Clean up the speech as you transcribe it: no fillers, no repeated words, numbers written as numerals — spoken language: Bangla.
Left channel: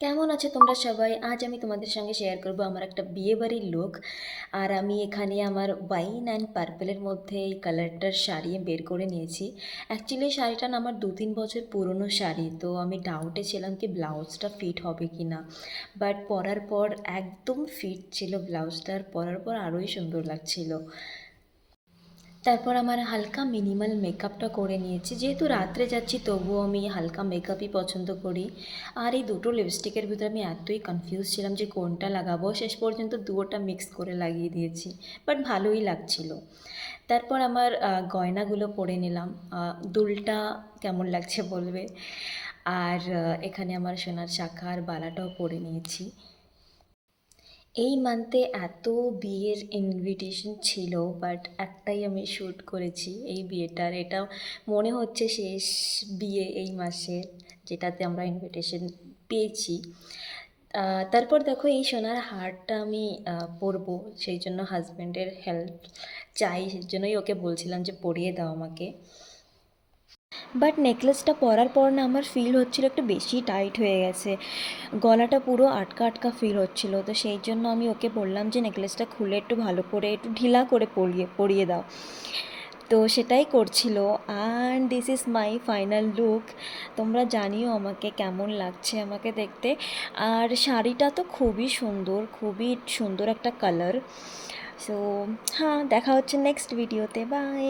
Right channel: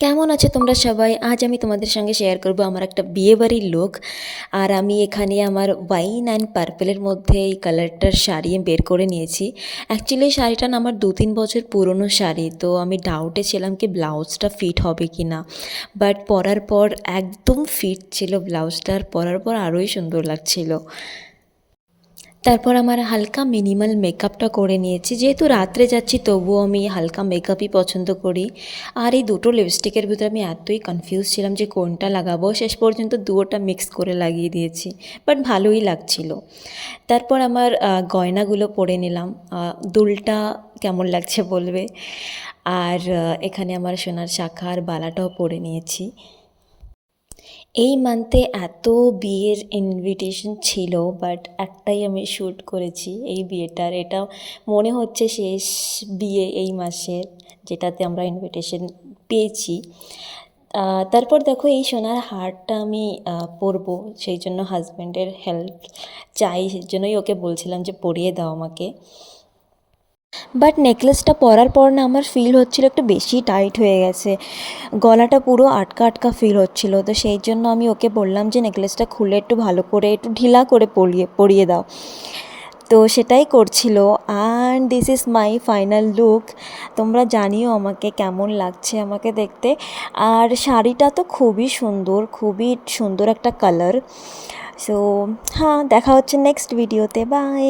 কেমন আছো তোমরা সবাই? আজ আমি তোমাদের সঙ্গে শেয়ার করব আমার একটা বিয়েবাড়ির লুক। আর আমি এখানে আমার ওয়াইন অ্যান্ড পার্পেলের মধ্যে এই কালারটার শাড়ি বের করে নিয়েছি। অ্যাকচুয়ালি এই শাড়িটা না আমার 2-3 বছর পুরনো শাড়ি, তো আমি ডাউটে ছিলাম কি ব্লাউজটা ফিট হবে কি না, বাট পরার পর একদম ফিট ছিল ব্লাউজটা, আর পরার পর আরোই সুন্দর লাগছিল। তারপর আমার হালকা মিনিমাল মেকআপটা করে নিয়েছি, যেহেতু রাত্রে যাচ্ছি তবুও আমি হালকা মেকআপই পছন্দ করি। আর এই দুটো লিপস্টিকের ভিতরে আমি এতই কনফিউজ ছিলাম যে কোনটা লাগাবো, শেষ পর্যন্ত দুটোটা মিক্স করে লাগিয়ে দিয়েছি, বাট ভালোই লাগছিল। তারপর আমার গয়নাগুলো পরে নিলাম। দুলটা কেমন লাগছে বলবে। আর এখানে আমার সোনার শাঁখা আর বালাটাও পরে নিয়েছি। এই মান্থে এত বিয়ের ইনভিটেশন ছিল, বাট একটাই আমি শ্যুট করেছি এই বিয়েটার। এটা মনে হচ্ছে শেষ বিয়ে এই মাসের, যেটাতে আমরা ইনভিটেশন পেয়েছি। তারপর দেখো এই সোনার হারটা আমি পরবো, সেই জন্য হাজব্যান্ডের হেল্প চাই, সেই জন্যই ওকে বলছিলাম যে পরিয়ে দাও আমাকে। বাট নেকলেসটা পরার পর না আমার ফিল হচ্ছিল একটু বেশি টাইট হয়ে গেছে, গলাটা পুরো আটকা আটকা ফিল হচ্ছিল। তো সেই জন্য আমি ওকে বললাম যে নেকলেসটা খুলে একটু ভালো করে একটু ঢিলা করে পরিয়ে পরিয়ে দাও। তো সেটাই করছিল। And this is my final look. তোমরা জানিও আমাকে কেমন লাগছে আমাকে দেখতে। আর শাড়িটা তো খুবই সুন্দর, খুবই সুন্দর একটা কালার। সো হ্যাঁ, দেখা হচ্ছে নেক্সট ভিডিওতে। বাই।